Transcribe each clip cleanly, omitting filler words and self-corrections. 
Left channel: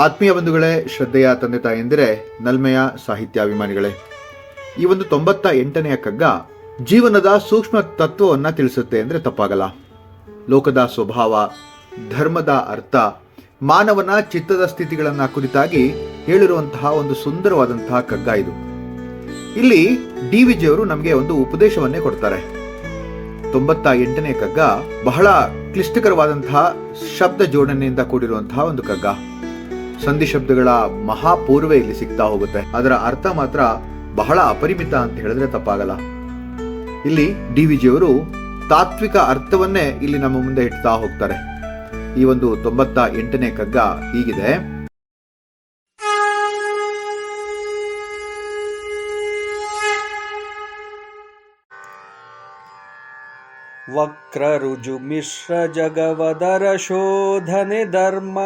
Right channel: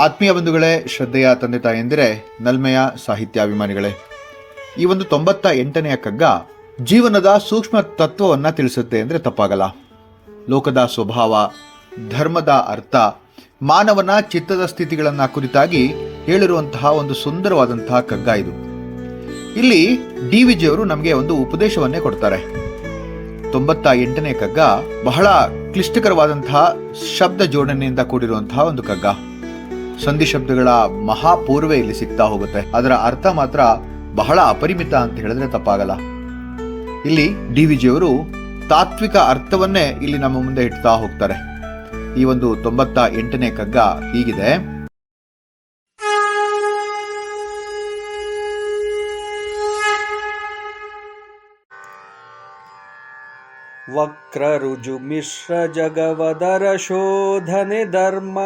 ಆತ್ಮೀಯ ಬಂಧುಗಳೇ, ಶ್ರದ್ಧೆಯ ತಂದೆ ತಾಯಂದಿರೇ, ನಲ್ಮೆಯ ಸಾಹಿತ್ಯಾಭಿಮಾನಿಗಳೇ, ಈ ಒಂದು 98ನೆಯ ಕಗ್ಗ ಜೀವನದ ಸೂಕ್ಷ್ಮ ತತ್ವವನ್ನು ತಿಳಿಸುತ್ತೆ ಅಂದರೆ ತಪ್ಪಾಗಲ್ಲ. ಲೋಕದ ಸ್ವಭಾವ, ಧರ್ಮದ ಅರ್ಥ, ಮಾನವನ ಚಿತ್ತದ ಸ್ಥಿತಿಗಳನ್ನು ಕುರಿತಾಗಿ ಹೇಳಿರುವಂತಹ ಒಂದು ಸುಂದರವಾದಂತಹ ಕಗ್ಗ ಇದು. ಇಲ್ಲಿ DVG ಅವರು ನಮಗೆ ಒಂದು ಉಪದೇಶವನ್ನೇ ಕೊಡ್ತಾರೆ. 98ನೇ ಕಗ್ಗ ಬಹಳ ಕ್ಲಿಷ್ಟಕರವಾದಂತಹ ಶಬ್ದ ಜೋಡಣೆಯಿಂದ ಕೂಡಿರುವಂತಹ ಒಂದು ಕಗ್ಗ. ಸಂಧಿ ಶಬ್ದಗಳ ಮಹಾಪೂರ್ವೆ ಇಲ್ಲಿ ಸಿಗ್ತಾ ಹೋಗುತ್ತೆ. ಅದರ ಅರ್ಥ ಮಾತ್ರ ಬಹಳ ಅಪರಿಮಿತ ಅಂತ ಹೇಳಿದ್ರೆ ತಪ್ಪಾಗಲ್ಲ. ಇಲ್ಲಿ DVG ಅವರು ತಾತ್ವಿಕ ಅರ್ಥವನ್ನೇ ಇಲ್ಲಿ ನಮ್ಮ ಮುಂದೆ ಇಡ್ತಾ ಹೋಗ್ತಾರೆ. ಈ ಒಂದು 98ನೇ ಕಗ್ಗ ಹೀಗಿದೆ. ವಕ್ರ ರುಜು ಮಿಶ್ರ ಜಗವದರ ಶೋಧನೆ ಧರ್ಮ,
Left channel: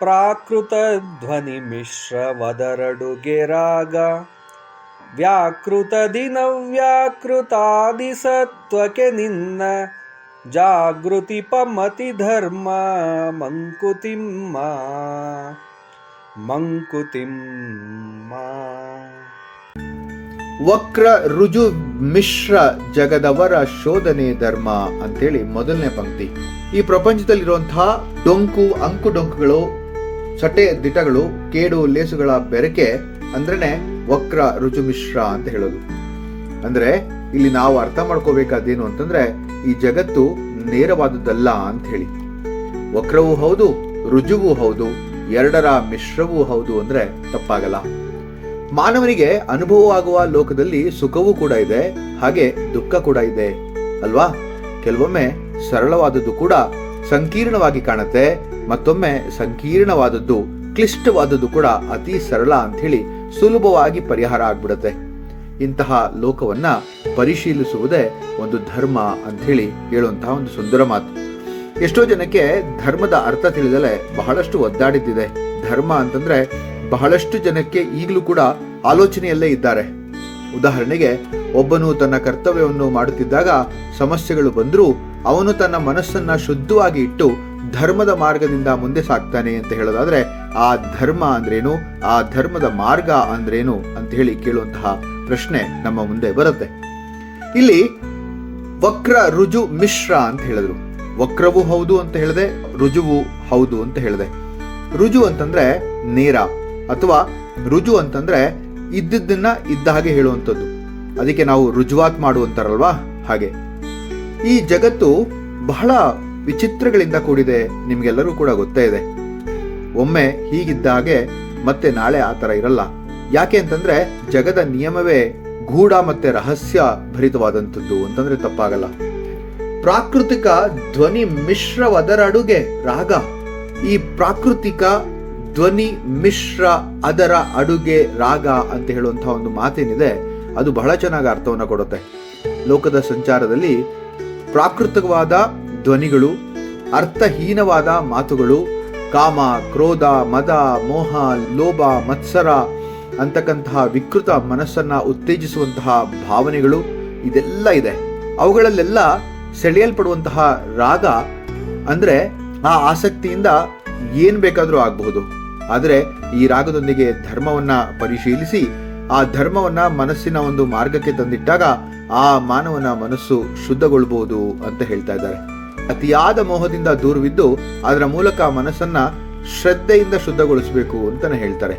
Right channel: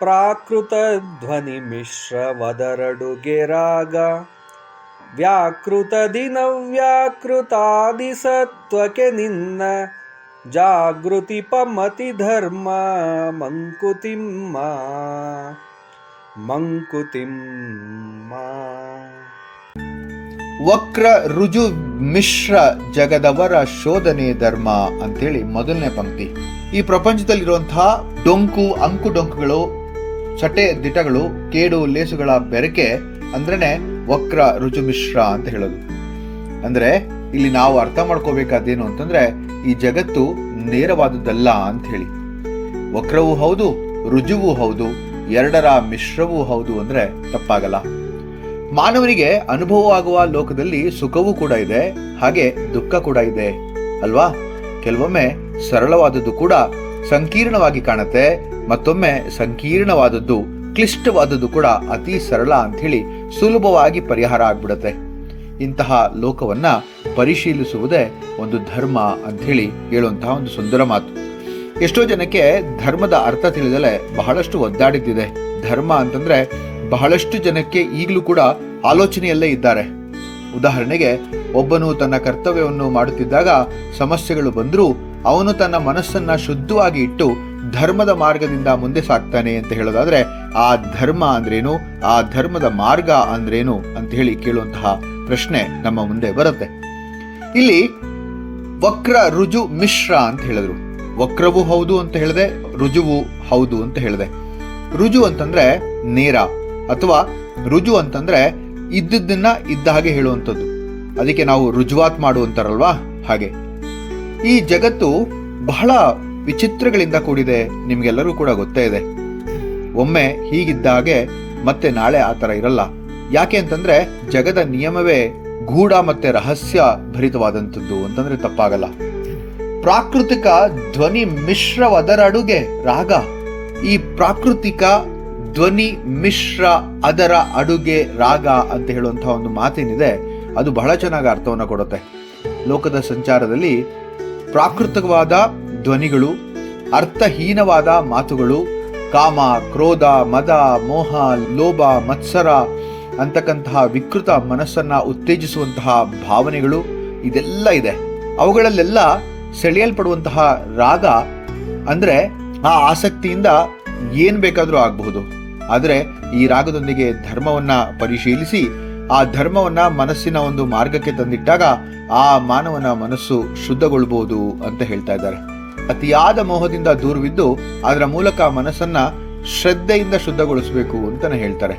ಪ್ರಾಕೃತ ಧ್ವನಿ ಮಿಶ್ರ ವದರಡುಗೆ ರಾಗ, ವ್ಯಾಕೃತದಿ ನವ್ಯಾಕೃತಾದಿ ಸತ್ವಕ್ಕೆ ನಿನ್ನ, ಜಾಗೃತಿ ಪಮತಿ ಧರ್ಮ ಮಂಕುತಿಮ್ಮ ಮಂಕುತಿಮ್ಮ. ವಕ್ರ ರುಜು ಮಿಶ್ರ ಜಗದವರ ಶೋಧನೆ ಧರ್ಮ ಅಂತೇಳಿ ಮೊದಲನೇ ಪಂಕ್ತಿ. ಈ ಪ್ರಪಂಚದಲ್ಲಿರುವಂತಹ ಡೊಂಕು, ಅಂಕು ಡೊಂಕುಗಳು, ಚಟೆ ದಿಟಗಳು, ಕೇಡು ಲೇಸುಗಳ ಬೆರಕೆ ಅಂದ್ರೇನೆ ವಕ್ರ ರುಜು ಮಿಶ್ರ ಅಂತ ಹೇಳೋದು. ಅಂದ್ರೆ ಇಲ್ಲಿ ನಾವು ಅರ್ಥ ಮಾಡ್ಕೋಬೇಕಾದೇನು ಅಂತಂದ್ರೆ, ಈ ಜಗತ್ತು ನೇರವಾದದ್ದಲ್ಲ ಅಂತ ಹೇಳಿ. ವಕ್ರವೂ ಹೌದು, ರುಜುವೂ ಹೌದು, ಎರಡರ ಮಿಶ್ರವೂ ಹೌದು ಅಂದ್ರೆ ತಪ್ಪಾಗಲ್ಲ. ಮಾನವನಿಗೆ ಅನುಭವವಾಗುವ ಲೋಕದಲ್ಲಿ ಸುಖವೂ ಕೂಡ ಇದೆ, ಹಾಗೆ ದುಃಖ ಕೂಡ ಇದೆ ಅಲ್ವಾ? ಕೆಲವೊಮ್ಮೆ ಸರಳವಾದದ್ದು ಕೂಡ ಸಂಕೀರ್ಣವಾಗಿ ಕಾಣುತ್ತೆ, ಮತ್ತೊಮ್ಮೆ ಸಂಕೀರ್ಣವಾದದ್ದು, ಕ್ಲಿಷ್ಟವಾದದ್ದು ಕೂಡ ಅತಿ ಸರಳ ಅಂತ ಹೇಳಿ ಸುಲಭವಾಗಿ ಪರಿಹಾರ ಆಗ್ಬಿಡುತ್ತೆ. ಇಂತಹ ಲೋಕವನ್ನ ಪರಿಶೀಲಿಸುವುದೇ ಒಂದು ಧರ್ಮ ಅಂತ ಹೇಳಿ ಹೇಳುವಂತಹ ಒಂದು ಸುಂದರ ಮಾತು. ಎಷ್ಟೋ ಜನಕ್ಕೆ ಧರ್ಮದ ಅರ್ಥ ತಿಳಿದಲೆ ಬಹಳಷ್ಟು ಒದ್ದಾಡಿದ್ದಿದೆ. ಧರ್ಮ ಅಂತಂದ್ರೆ ಬಹಳಷ್ಟು ಜನಕ್ಕೆ ಈಗಲೂ ಕೂಡ ಆಲೋಚನೆಯಲ್ಲೇ ಇದ್ದಾರೆ. ಉದಾಹರಣೆಗೆ, ಒಬ್ಬನು ತನ್ನ ಕರ್ತವ್ಯವನ್ನು ಮಾಡುತ್ತಿದ್ದಾಗ ಸಮಸ್ಯೆಗಳು ಬಂದರೂ ಅವನು ತನ್ನ ಮನಸ್ಸನ್ನ ಶುದ್ಧವಾಗಿ ಇಟ್ಟು ಧರ್ಮದ ಮಾರ್ಗದಿಂದ ಮುಂದೆ ಸಾಗ್ತಾನೆ ಅಂತ ಹೇಳೋದಾದ್ರೆ, ಆ ಧರ್ಮ ಅಂದ್ರೇನು, ಆ ಧರ್ಮದ ಮಾರ್ಗ ಅಂದ್ರೇನು ಅಂತ ಹೇಳಿ ಕೇಳುವಂತಹ ಪ್ರಶ್ನೆ ನಮ್ಮ ಮುಂದೆ ಬರುತ್ತೆ. ಇಲ್ಲಿ ವಕ್ರ ರುಜು ಮಿಶ್ರ ಅಂತ ಹೇಳಿದ್ರು. ವಕ್ರವೂ ಹೌದು ಅಂತ ಹೇಳಿದೆ, ರುಜುವು ಹೌದು ಅಂತ ಹೇಳಿದೆ. ರುಜು ಅಂತಂದ್ರೆ ನೇರ, ಅಥವಾ ರುಜು ಅಂತಂದ್ರೆ ಇದ್ದದ್ದನ್ನ ಇದ್ದ ಹಾಗೆ ಹೇಳುವಂಥದ್ದು. ಅದಕ್ಕೆ ನಾವು ರುಜುವಾತ್ ಮಾಡುವಂತಾರಲ್ವಾ, ಹಾಗೆ. ಈ ಜಗತ್ತು ಬಹಳ ವಿಚಿತ್ರಗಳಿಂದ ಕೂಡಿದೆ, ನಿಮ್ಗೆಲ್ಲರೂ ಕೂಡ ಗೊತ್ತೇ ಇದೆ. ಒಮ್ಮೆ ಹೀಗಿದ್ದ ಹಾಗೆ ಮತ್ತೆ ನಾಳೆ ಆ ಥರ ಇರಲ್ಲ. ಯಾಕೆ ಅಂತಂದ್ರೆ ಜಗದ ನಿಯಮವೇ ಗೂಢ ಮತ್ತೆ ರಹಸ್ಯ ಭರಿತವಾದಂಥದ್ದು ಅಂತಂದ್ರೆ ತಪ್ಪಾಗಲ್ಲ. ಪ್ರಾಕೃತಿಕ ಧ್ವನಿ ಮಿಶ್ರವದರ ಅಡುಗೆ ರಾಗ. ಈ ಪ್ರಾಕೃತಿಕ ಧ್ವನಿ ಮಿಶ್ರ ಅದರ ಅಡುಗೆ ರಾಗ ಅಂತ ಹೇಳುವಂತಹ ಒಂದು ಮಾತೇನಿದೆ, ಅದು ಬಹಳ ಚೆನ್ನಾಗಿ ಅರ್ಥವನ್ನು ಕೊಡುತ್ತೆ. ಲೋಕದ ಸಂಚಾರದಲ್ಲಿ ಪ್ರಾಕೃತಿಕವಾದ ಧ್ವನಿಗಳು, ಅರ್ಥಹೀನವಾದ ಮಾತುಗಳು, ಕಾಮ, ಕ್ರೋಧ, ಮದ, ಮೋಹ, ಲೋಭ, ಮತ್ಸರ ಅಂತಕ್ಕಂತಹ ವಿಕೃತ ಮನಸ್ಸನ್ನ ಉತ್ತೇಜಿಸುವಂತಹ ಭಾವನೆಗಳು ಇದೆಲ್ಲ ಇದೆ. ಅವುಗಳಲ್ಲೆಲ್ಲ ಸೆಳೆಯಲ್ಪಡುವಂತಹ ರಾಗ ಅಂದ್ರೆ ಆ ಆಸಕ್ತಿಯಿಂದ ಏನ್ ಬೇಕಾದ್ರೂ ಆಗಬಹುದು. ಆದರೆ ಈ ರಾಗದೊಂದಿಗೆ ಧರ್ಮವನ್ನ ಪರಿಶೀಲಿಸಿ ಆ ಧರ್ಮವನ್ನ ಮನಸ್ಸಿನ ಒಂದು ಮಾರ್ಗಕ್ಕೆ ತಂದಿಟ್ಟಾಗ ಆ ಮಾನವನ ಮನಸ್ಸು ಶುದ್ಧಗೊಳ್ಬಹುದು ಅಂತ ಹೇಳ್ತಾ ಇದ್ದಾರೆ. ಅತಿಯಾದ ಮೋಹದಿಂದ ದೂರವಿದ್ದು ಅದರ ಮೂಲಕ ಮನಸ್ಸನ್ನ ಶ್ರದ್ಧೆಯಿಂದ ಶುದ್ಧಗೊಳಿಸಬೇಕು ಅಂತಾನೆ ಹೇಳ್ತಾರೆ.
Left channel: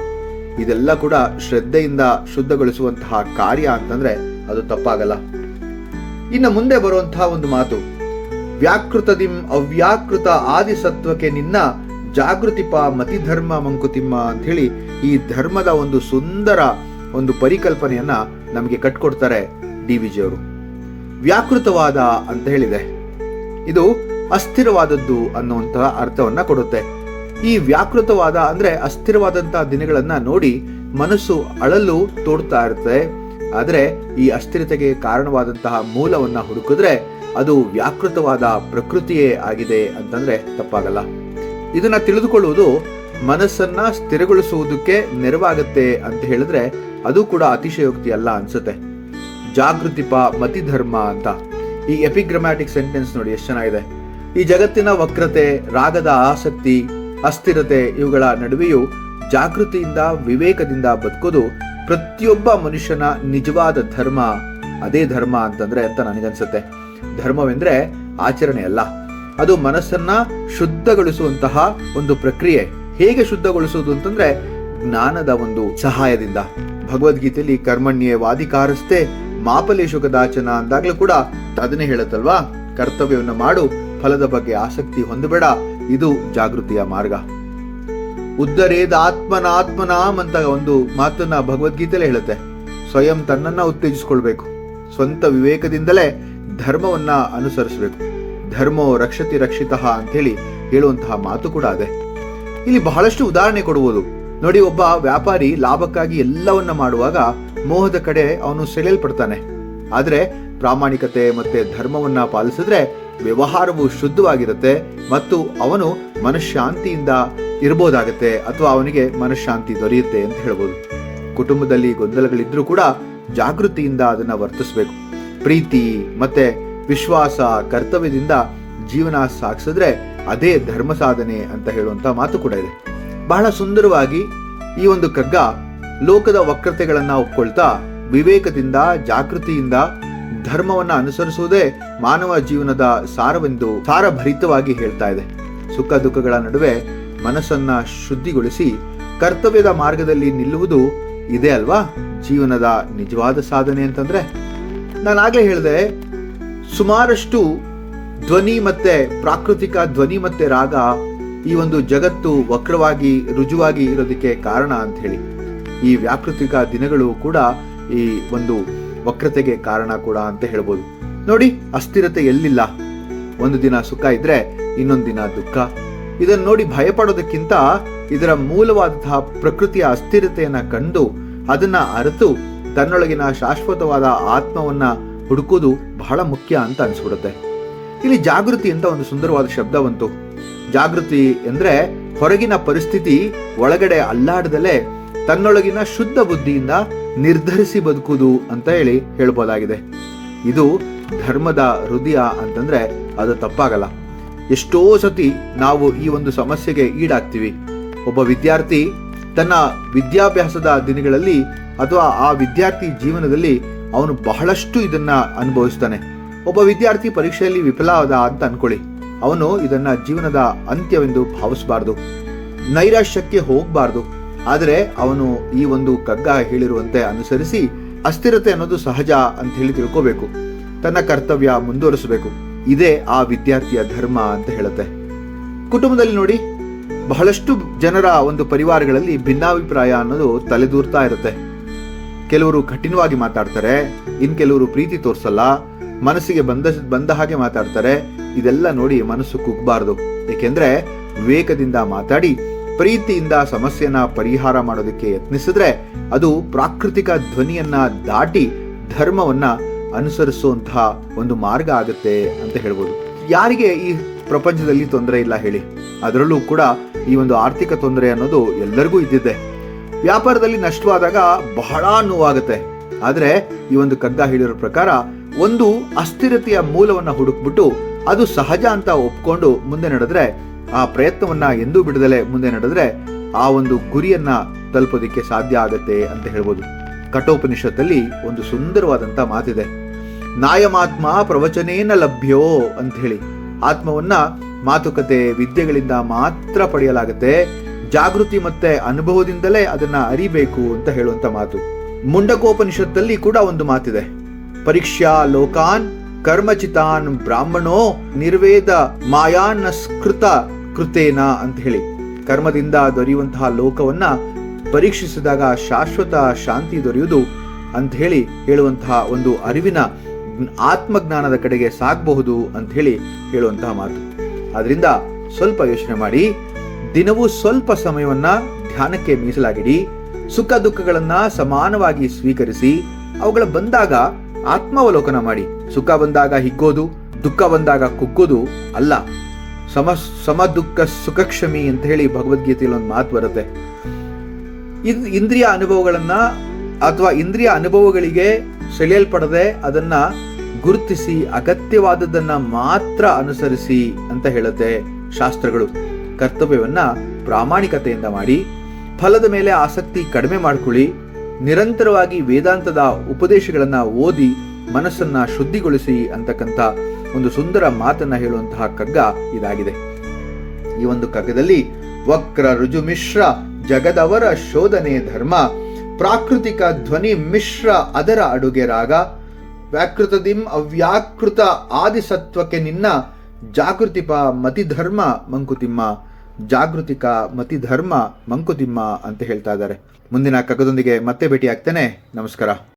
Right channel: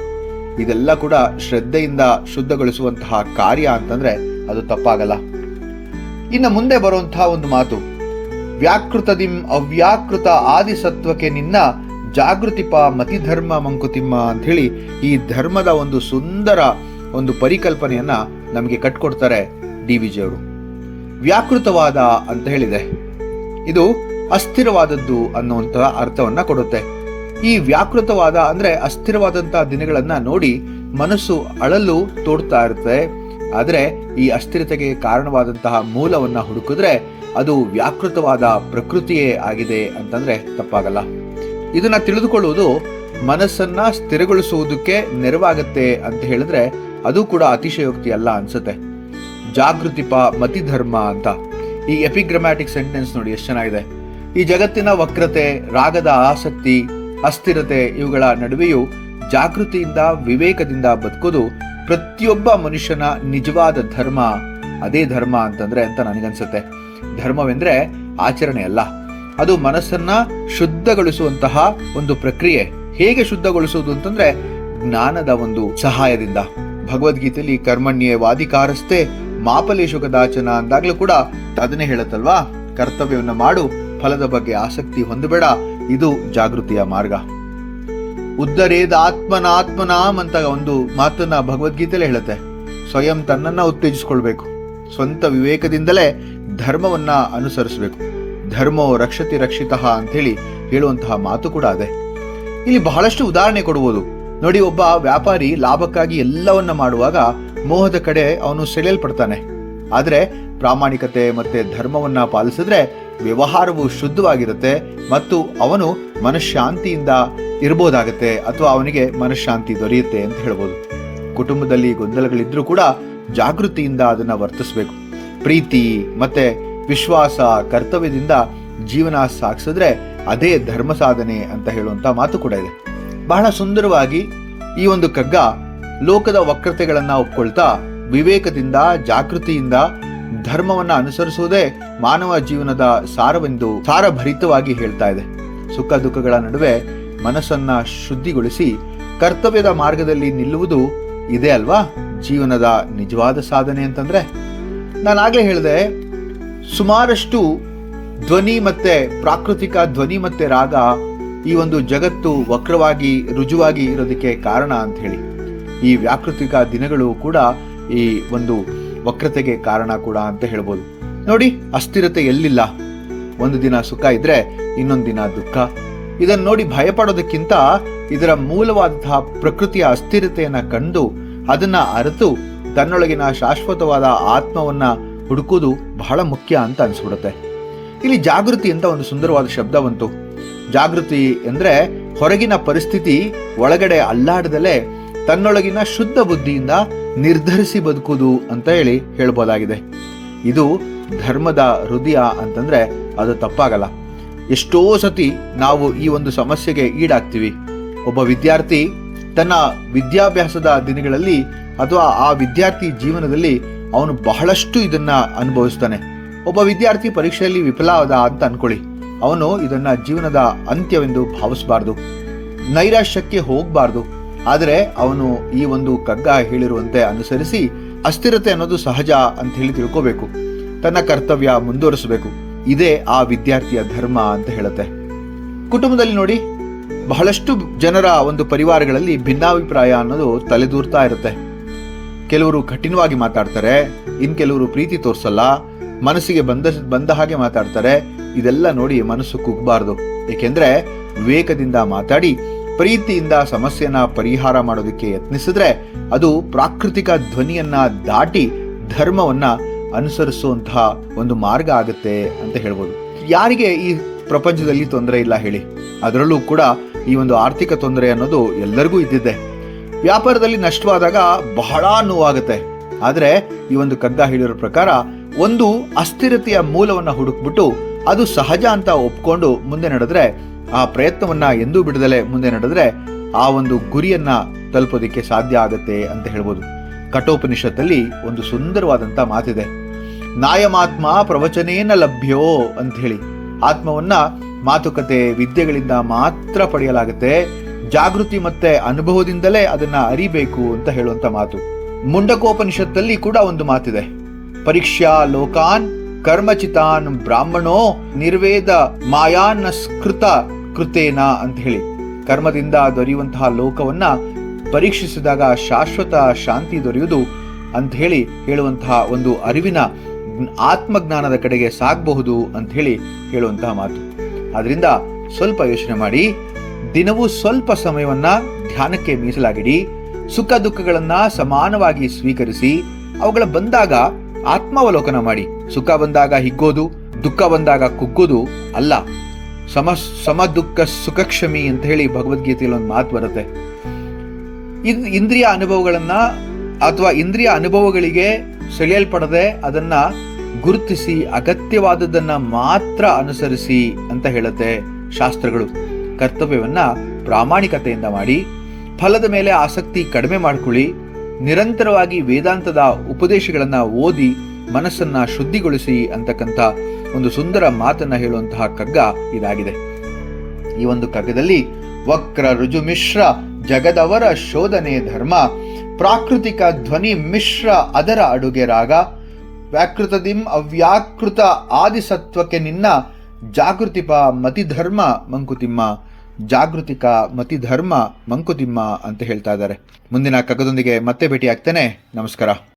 ಇದೆಲ್ಲ ಕೂಡ ಶ್ರದ್ಧೆಯಿಂದ ಶುದ್ಧಗೊಳಿಸುವಂತಹ ಕಾರ್ಯ ಅಂತಂದ್ರೆ ಅದು ತಪ್ಪಾಗಲ್ಲ. ಇನ್ನು ಮುಂದೆ ಬರುವಂತಹ ಒಂದು ಮಾತು, ವ್ಯಾಕೃತದಿಂ ಅವ್ಯಾಕೃತ ಆದಿ ಸತ್ವಕ್ಕೆ ನಿನ್ನ, ಜಾಗೃತಿಪ ಮತಿಧರ್ಮ ಮಂಕುತಿಮ್ಮ ಅಂತ ಹೇಳಿ ಈ ಧರ್ಮದ ಒಂದು ಸುಂದರ ಒಂದು ಪರಿಕಲ್ಪನೆಯನ್ನ ನಮಗೆ ಕಟ್ಕೊಡ್ತಾರೆ DVG ಅವರು. ವ್ಯಾಕೃತವಾದ ಅಂತ ಹೇಳಿದೆ, ಇದು ಅಸ್ಥಿರವಾದದ್ದು ಅನ್ನುವಂತಹ ಅರ್ಥವನ್ನ ಕೊಡುತ್ತೆ. ಈ ವ್ಯಾಕೃತವಾದ ಅಂದ್ರೆ ಅಸ್ಥಿರವಾದಂತಹ ದಿನಗಳನ್ನ ನೋಡಿ ಮನಸ್ಸು ಅಳಲು ತೋಡ್ತಾ ಇರುತ್ತೆ. ಆದ್ರೆ ಈ ಅಸ್ಥಿರತೆಗೆ ಕಾರಣವಾದಂತಹ ಮೂಲವನ್ನ ಹುಡುಕಿದ್ರೆ ಅದು ವ್ಯಾಕೃತವಾದ ಪ್ರಕೃತಿಯೇ ಆಗಿದೆ ಅಂತಂದ್ರೆ ತಪ್ಪಾಗಲ್ಲ. ಇದನ್ನ ತಿಳಿದುಕೊಳ್ಳುವುದು ಮನಸ್ಸನ್ನ ಸ್ಥಿರಗೊಳಿಸುವುದಕ್ಕೆ ನೆರವಾಗತ್ತೆ ಅಂತ ಹೇಳಿದ್ರೆ ಅದು ಕೂಡ ಅತಿಶಯೋಕ್ತಿ ಅಲ್ಲ ಅನ್ಸುತ್ತೆ. ಜಾಗೃತಿಪ ಮತಿಧರ್ಮ ಅಂತ ಈ ಎಪಿಗ್ರಾಮ್ಯಾಟಿಕ್ ಸೆಂಟೆನ್ಸ್ ನೋಡಿ ಎಷ್ಟು ಚೆನ್ನಾಗಿದೆ. ಈ ಜಗತ್ತಿನ ವಕ್ರತೆ, ರಾಗದ ಆಸಕ್ತಿ, ಅಸ್ಥಿರತೆ ಇವುಗಳ ನಡುವೆಯೂ ಜಾಗೃತಿಯಿಂದ ವಿವೇಕದಿಂದ ಬದುಕೋದು ಪ್ರತಿಯೊಬ್ಬ ಮನುಷ್ಯನ ನಿಜವಾದ ಧರ್ಮ. ಅದೇ ಧರ್ಮ ಅಂತಂದ್ರೆ ಅಂತ ನನಗನ್ಸುತ್ತೆ. ಧರ್ಮವೆಂದ್ರೆ ಆಚರಣೆ ಅಲ್ಲ, ಅದು ಮನಸ್ಸನ್ನ ಶುದ್ಧಗೊಳಿಸುವಂತಹ ಒಂದು ಪ್ರಕ್ರಿಯೆ. ಹೇಗೆ ಶುದ್ಧಗೊಳಿಸುವುದು ಅಂತಂದ್ರೆ ಜ್ಞಾನದ ಒಂದು ಸಹಾಯದಿಂದ. ಭಗವದ್ಗೀತೆಯಲ್ಲಿ ಕರ್ಮಣ್ಯೇವಾಧಿಕಾರಸ್ಥೆ ಮಾಫಲೇಶು ಕದಾಚನ ಅಂದಾಗ್ಲೂ ಕೂಡ ಅದನ್ನೇ ಹೇಳುತ್ತಲ್ವಾ, ಕರ್ತವ್ಯವನ್ನು ಮಾಡು, ಫಲದ ಬಗ್ಗೆ ಆಸಕ್ತಿ ಹೊಂದಬೇಡ. ಇದು ಜಾಗೃತಿಯ ಮಾರ್ಗ. ಉದ್ಧರೇದಾತ್ಮನಾತ್ಮನಾಮ್ ಅಂತ ಒಂದು ಮಾತನ್ನ ಭಗವದ್ಗೀತೆಯಲ್ಲಿ ಹೇಳುತ್ತೆ. ಸ್ವಯಂ ತನ್ನನ್ನ ಉತ್ತೇಜಿಸಿಕೊಳ್ಬೇಕು, ಸ್ವಂತ ವಿವೇಕದಿಂದಲೇ ಧರ್ಮವನ್ನ ಅನುಸರಿಸಬೇಕು. ಧರ್ಮೋ ರಕ್ಷತಿ ರಕ್ಷಿತಃ ಅಂತ ಹೇಳಿ ಹೇಳುವಂತಹ ಮಾತು ಕೂಡ ಇದೆ. ಇಲ್ಲಿ ಬಹಳಷ್ಟು ಉದಾಹರಣೆ ಕೊಡುವುದು ನೋಡಿ. ಒಬ್ಬ ವ್ಯಾಪಾರಿ ಲಾಭಕ್ಕಾಗಿ ಎಲ್ಲವನ್ನ ಮಾಡುವಾಗ ಮೋಹದ ಕಡೆ ಅವನು ಸೆಳೆಯಲ್ಪಡ್ತಾನೆ. ಆದ್ರೆ ಪ್ರಾಮಾಣಿಕತೆ ಮತ್ತೆ ಧರ್ಮವನ್ನ ಪಾಲಿಸಿದ್ರೆ ವ್ಯವಹಾರವು ಶುದ್ಧವಾಗಿರುತ್ತೆ ಮತ್ತು ಅವನು ಮನಃಶಾಂತಿಯಿಂದ ಇರಬಹುದಾಗತ್ತೆ, ಅಥವಾ ಅವನಿಗೆ ಮನಃಶಾಂತಿ ದೊರೆಯುತ್ತೆ ಅಂತ ಹೇಳ್ಬೋದು. ಕುಟುಂಬದಲ್ಲಿ ಗೊಂದಲಗಳಿದ್ರೂ ಕೂಡ ಜಾಗೃತಿಯಿಂದ ಅದನ್ನ ವರ್ತಿಸಬೇಕು. ಪ್ರೀತಿ ಮತ್ತೆ ವಿಶ್ವಾಸ, ಕರ್ತವ್ಯದಿಂದ ಜೀವನ ಸಾಗಿಸಿದ್ರೆ ಅದೇ ಧರ್ಮ ಸಾಧನೆ ಅಂತ ಹೇಳುವಂತ ಮಾತು ಕೂಡ ಇದೆ. ಬಹಳ ಸುಂದರವಾಗಿ ಈ ಒಂದು ಕಗ್ಗ ಲೋಕದ ವಕ್ರತೆಗಳನ್ನ ಒಪ್ಕೊಳ್ತಾ ವಿವೇಕದಿಂದ ಜಾಗೃತಿಯಿಂದ ಧರ್ಮವನ್ನ ಅನುಸರಿಸುವುದೇ ಮಾನವ ಜೀವನದ ಸಾರವೆಂದು ಸಾರಭರಿತವಾಗಿ ಹೇಳ್ತಾ ಇದೆ. ಸುಖ ದುಃಖಗಳ ನಡುವೆ ಮನಸ್ಸನ್ನ ಶುದ್ಧಿಗೊಳಿಸಿ ಕರ್ತವ್ಯದ ಮಾರ್ಗದಲ್ಲಿ ನಿಲ್ಲುವುದು ಇದೆ ಅಲ್ವಾ ಜೀವನದ ನಿಜವಾದ ಸಾಧನೆ ಅಂತಂದ್ರೆ. ನಾನಾಗ್ಲೇ ಹೇಳಿದೆ, ಸುಮಾರಷ್ಟು ಧ್ವನಿ ಮತ್ತೆ ಪ್ರಾಕೃತಿಕ ಧ್ವನಿ ಮತ್ತೆ ರಾಗ ಈ ಒಂದು ಜಗತ್ತು ವಕ್ರವಾಗಿ ರುಜುವಾಗಿ ಇರೋದಕ್ಕೆ ಕಾರಣ ಅಂತ ಹೇಳಿ. ಈ ವ್ಯಾಕೃತಿಕ ದಿನಗಳು ಕೂಡ ಈ ಒಂದು ವಕ್ರತೆಗೆ ಕಾರಣ ಕೂಡ ಅಂತ ಹೇಳ್ಬೋದು. ನೋಡಿ, ಅಸ್ಥಿರತೆ ಎಲ್ಲಿಲ್ಲ. ಒಂದು ದಿನ ಸುಖ ಇದ್ರೆ ಇನ್ನೊಂದು ದಿನ ದುಃಖ. ಇದನ್ನ ನೋಡಿ ಭಯಪಡೋದಕ್ಕಿಂತ ಇದರ ಮೂಲವಾದಂತಹ ಪ್ರಕೃತಿಯ ಅಸ್ಥಿರತೆಯನ್ನ ಕಂಡು ಅದನ್ನ ಅರಿತು ತನ್ನೊಳಗಿನ ಶಾಶ್ವತವಾದ ಆತ್ಮವನ್ನ ಹುಡುಕುವುದು ಬಹಳ ಮುಖ್ಯ ಅಂತ ಅನ್ಸ್ಬಿಡುತ್ತೆ. ಇಲ್ಲಿ ಜಾಗೃತಿ ಅಂತ ಒಂದು ಸುಂದರವಾದ ಶಬ್ದ ಬಂತು. ಜಾಗೃತಿ ಅಂದ್ರೆ ಹೊರಗಿನ ಪರಿಸ್ಥಿತಿ ಒಳಗಡೆ ಅಲ್ಲಾಡದಲೇ ತನ್ನೊಳಗಿನ ಶುದ್ಧ ಬುದ್ಧಿಯಿಂದ ನಿರ್ಧರಿಸಿ ಬದುಕುವುದು ಅಂತ ಹೇಳಿ ಹೇಳ್ಬೋದಾಗಿದೆ. ಇದು ಧರ್ಮದ ಹೃದಯ ಅಂತಂದ್ರೆ ಅದು ತಪ್ಪಾಗಲ್ಲ. ಎಷ್ಟೋ ಸತಿ ನಾವು ಈ ಒಂದು ಸಮಸ್ಯೆಗೆ ಈಡಾಗ್ತೀವಿ. ಒಬ್ಬ ವಿದ್ಯಾರ್ಥಿ ತನ್ನ ವಿದ್ಯಾಭ್ಯಾಸದ ದಿನಗಳಲ್ಲಿ ಅಥವಾ ಆ ವಿದ್ಯಾರ್ಥಿ ಜೀವನದಲ್ಲಿ ಅವನು ಬಹಳಷ್ಟು ಇದನ್ನ ಅನುಭವಿಸ್ತಾನೆ. ಒಬ್ಬ ವಿದ್ಯಾರ್ಥಿ ಪರೀಕ್ಷೆಯಲ್ಲಿ ವಿಫಲ ಆದ ಅಂತ ಅನ್ಕೊಳ್ಳಿ, ಅವನು ಇದನ್ನ ಜೀವನದ ಅಂತ್ಯವೆಂದು ಭಾವಿಸಬಾರ್ದು, ನೈರಾಶ್ಯಕ್ಕೆ ಹೋಗಬಾರ್ದು. ಆದರೆ ಅವನು ಈ ಒಂದು ಕಗ್ಗ ಹೇಳಿರುವಂತೆ ಅನುಸರಿಸಿ ಅಸ್ಥಿರತೆ ಅನ್ನೋದು ಸಹಜ ಅಂತ ಹೇಳಿ ತಿಳ್ಕೋಬೇಕು, ತನ್ನ ಕರ್ತವ್ಯ ಮುಂದುವರಿಸಬೇಕು. ಇದೇ ಆ ವಿದ್ಯಾರ್ಥಿಯ ಧರ್ಮ ಅಂತ ಹೇಳುತ್ತೆ. ಕುಟುಂಬದಲ್ಲಿ ನೋಡಿ, ಬಹಳಷ್ಟು ಜನರ ಒಂದು ಪರಿವಾರಗಳಲ್ಲಿ ಭಿನ್ನಾಭಿಪ್ರಾಯ ಅನ್ನೋದು ತಲೆದೂರ್ತಾ ಇರುತ್ತೆ. ಕೆಲವರು ಕಠಿಣವಾಗಿ ಮಾತಾಡ್ತಾರೆ, ಇನ್ ಕೆಲವರು ಪ್ರೀತಿ ತೋರಿಸಲ್ಲ, ಮನಸ್ಸಿಗೆ ಬಂದ ಹಾಗೆ ಮಾತಾಡ್ತಾರೆ. ಇದೆಲ್ಲ ನೋಡಿ ಮನಸ್ಸು ಕುಗ್ಬಾರ್ದು. ಏಕೆಂದ್ರೆ ವಿವೇಕದಿಂದ ಮಾತಾಡಿ ಪ್ರೀತಿಯಿಂದ ಸಮಸ್ಯೆನ ಪರಿಹಾರ ಮಾಡೋದಕ್ಕೆ ಯತ್ನಿಸಿದ್ರೆ ಅದು ಪ್ರಾಕೃತಿಕ ಧ್ವನಿಯನ್ನ ದಾಟಿ ಧರ್ಮವನ್ನ ಅನುಸರಿಸುವಂತಹ ಒಂದು ಮಾರ್ಗ ಆಗುತ್ತೆ ಅಂತ ಹೇಳ್ಬೋದು. ಯಾರಿಗೆ ಈ ಪ್ರಪಂಚದಲ್ಲಿ ತೊಂದರೆ ಇಲ್ಲ ಹೇಳಿ? ಅದರಲ್ಲೂ ಕೂಡ ಈ ಒಂದು ಆರ್ಥಿಕ ತೊಂದರೆ ಅನ್ನೋದು ಎಲ್ಲರಿಗೂ ಇದ್ದಿದ್ದೆ. ವ್ಯಾಪಾರದಲ್ಲಿ ನಷ್ಟವಾದಾಗ ಬಹಳ ನೋವಾಗುತ್ತೆ. ಆದ್ರೆ ಈ ಒಂದು ಕಗ್ಗ ಹೇಳಿರೋ ಪ್ರಕಾರ ಒಂದು ಅಸ್ಥಿರತೆಯ ಮೂಲವನ್ನ ಹುಡುಕ್ಬಿಟ್ಟು ಅದು ಸಹಜ ಅಂತ ಒಪ್ಕೊಂಡು ಮುಂದೆ ನಡೆದ್ರೆ, ಆ ಪ್ರಯತ್ನವನ್ನ ಎಂದೂ ಬಿಡದಲೆ ಮುಂದೆ ನಡೆದ್ರೆ ಆ ಒಂದು ಗುರಿಯನ್ನ ತಲುಪೋದಿಕ್ಕೆ ಸಾಧ್ಯ ಆಗುತ್ತೆ ಅಂತ ಹೇಳ್ಬೋದು. ಕಠೋಪನಿಷತ್ತಲ್ಲಿ ಒಂದು ಸುಂದರವಾದಂತ ಮಾತಿದೆ, ನಾಯಮಾತ್ಮ ಪ್ರವಚನೇನ ಲಭ್ಯೋ ಅಂತ ಹೇಳಿ. ಆತ್ಮವನ್ನ ಮಾತುಕತೆ ವಿದ್ಯೆಗಳಿಂದ ಮಾತ್ರ ಪಡೆಯಲಾಗುತ್ತೆ, ಜಾಗೃತಿ ಮತ್ತೆ ಅನುಭವದಿಂದಲೇ ಅದನ್ನ ಅರಿಬೇಕು ಅಂತ ಹೇಳುವಂತ ಮಾತು. ಮುಂಡಕೋಪನಿಷತ್ತಲ್ಲಿ ಕೂಡ ಒಂದು ಮಾತಿದೆ, ಪರೀಕ್ಷಾ ಲೋಕಾನ್ ಕರ್ಮಚಿತಾನ್ ಬ್ರಾಹ್ಮಣೋ ನಿರ್ವೇದ ಮಾಯಾನಸ್ಕೃತ ಕೃತೇನ ಅಂತ ಹೇಳಿ. ಕರ್ಮದಿಂದ ದೊರೆಯುವಂತಹ ಲೋಕವನ್ನ ಪರೀಕ್ಷಿಸಿದಾಗ ಶಾಶ್ವತ ಶಾಂತಿ ದೊರೆಯುವುದು ಅಂತ ಹೇಳಿ ಹೇಳುವಂತಹ ಒಂದು ಅರಿವಿನ ಆತ್ಮಜ್ಞಾನದ ಕಡೆಗೆ ಸಾಗಬಹುದು ಅಂತ ಹೇಳಿ ಹೇಳುವಂತಹ ಮಾತು. ಆದ್ರಿಂದ ಸ್ವಲ್ಪ ಯೋಚನೆ ಮಾಡಿ, ದಿನವೂ ಸ್ವಲ್ಪ ಸಮಯವನ್ನ ಧ್ಯಾನಕ್ಕೆ ಮೀಸಲಾಗಿಡಿ. ಸುಖ ದುಃಖಗಳನ್ನ ಸಮಾನವಾಗಿ ಸ್ವೀಕರಿಸಿ ಅವುಗಳ ಬಂದಾಗ ಆತ್ಮಾವಲೋಕನ ಮಾಡಿ. ಸುಖ ಬಂದಾಗ ಹಿಗ್ಗೋದು, ದುಃಖ ಬಂದಾಗ ಕುಗ್ಗೋದು ಅಲ್ಲ. ಸಮ ದುಃಖ ಸುಖಕ್ಷಮಿ ಅಂತ ಹೇಳಿ ಭಗವದ್ಗೀತೆಯಲ್ಲಿ ಒಂದು ಮಾತು ಬರುತ್ತೆ. ಇಂದ್ರಿಯ ಅನುಭವಗಳನ್ನ ಅಥವಾ ಇಂದ್ರಿಯ ಅನುಭವಗಳಿಗೆ ಸೆಳೆಯಲ್ಪಡದೆ ಅದನ್ನ ಗುರುತಿಸಿ ಅಗತ್ಯವಾದದ್ದನ್ನ ಮಾತ್ರ ಅನುಸರಿಸಿ ಅಂತ ಹೇಳುತ್ತೆ ಶಾಸ್ತ್ರಗಳು. ಕರ್ತವ್ಯವನ್ನ ಪ್ರಾಮಾಣಿಕತೆಯಿಂದ ಮಾಡಿ, ಫಲದ ಮೇಲೆ ಆಸಕ್ತಿ ಕಡಿಮೆ ಮಾಡಿಕೊಳ್ಳಿ, ನಿರಂತರವಾಗಿ ವೇದಾಂತದ ಉಪದೇಶಗಳನ್ನು ಓದಿ ಮನಸ್ಸನ್ನ ಶುದ್ಧಿಗೊಳಿಸಿ ಅಂತಕ್ಕಂಥ ಒಂದು ಸುಂದರ ಮಾತನ್ನ ಹೇಳುವಂತಹ ಕಗ್ಗ ಇದಾಗಿದೆ. ಈ ಒಂದು ಕಗ್ಗದಲ್ಲಿ ವಕ್ರ ರುಜು ಮಿಶ್ರ ಜಗದವರ ಶೋಧನೆ ಧರ್ಮ, ಪ್ರಾಕೃತಿಕ ಧ್ವನಿ ಮಿಶ್ರ ಅದರ ಅಡುಗೆ ರಾಗ, ವ್ಯಾಕೃತದಿಂ ಅವ್ಯಾಕೃತ ಆದಿಸತ್ವಕ್ಕೆ ನಿನ್ನ ಜಾಗೃತಿಪ ಮತಿಧರ್ಮ ಮಂಕುತಿಮ್ಮ, ಜಾಗೃತಿಕ ಮತಿಧರ್ಮ ಮಂಕುತಿಮ್ಮ ಅಂತ ಹೇಳ್ತಾ ಇದ್ದಾರೆ. ಮುಂದಿನ ಕಗ್ಗದೊಂದಿಗೆ ಮತ್ತೆ ಭೇಟಿ ಆಗ್ತೇನೆ. ನಮಸ್ಕಾರ.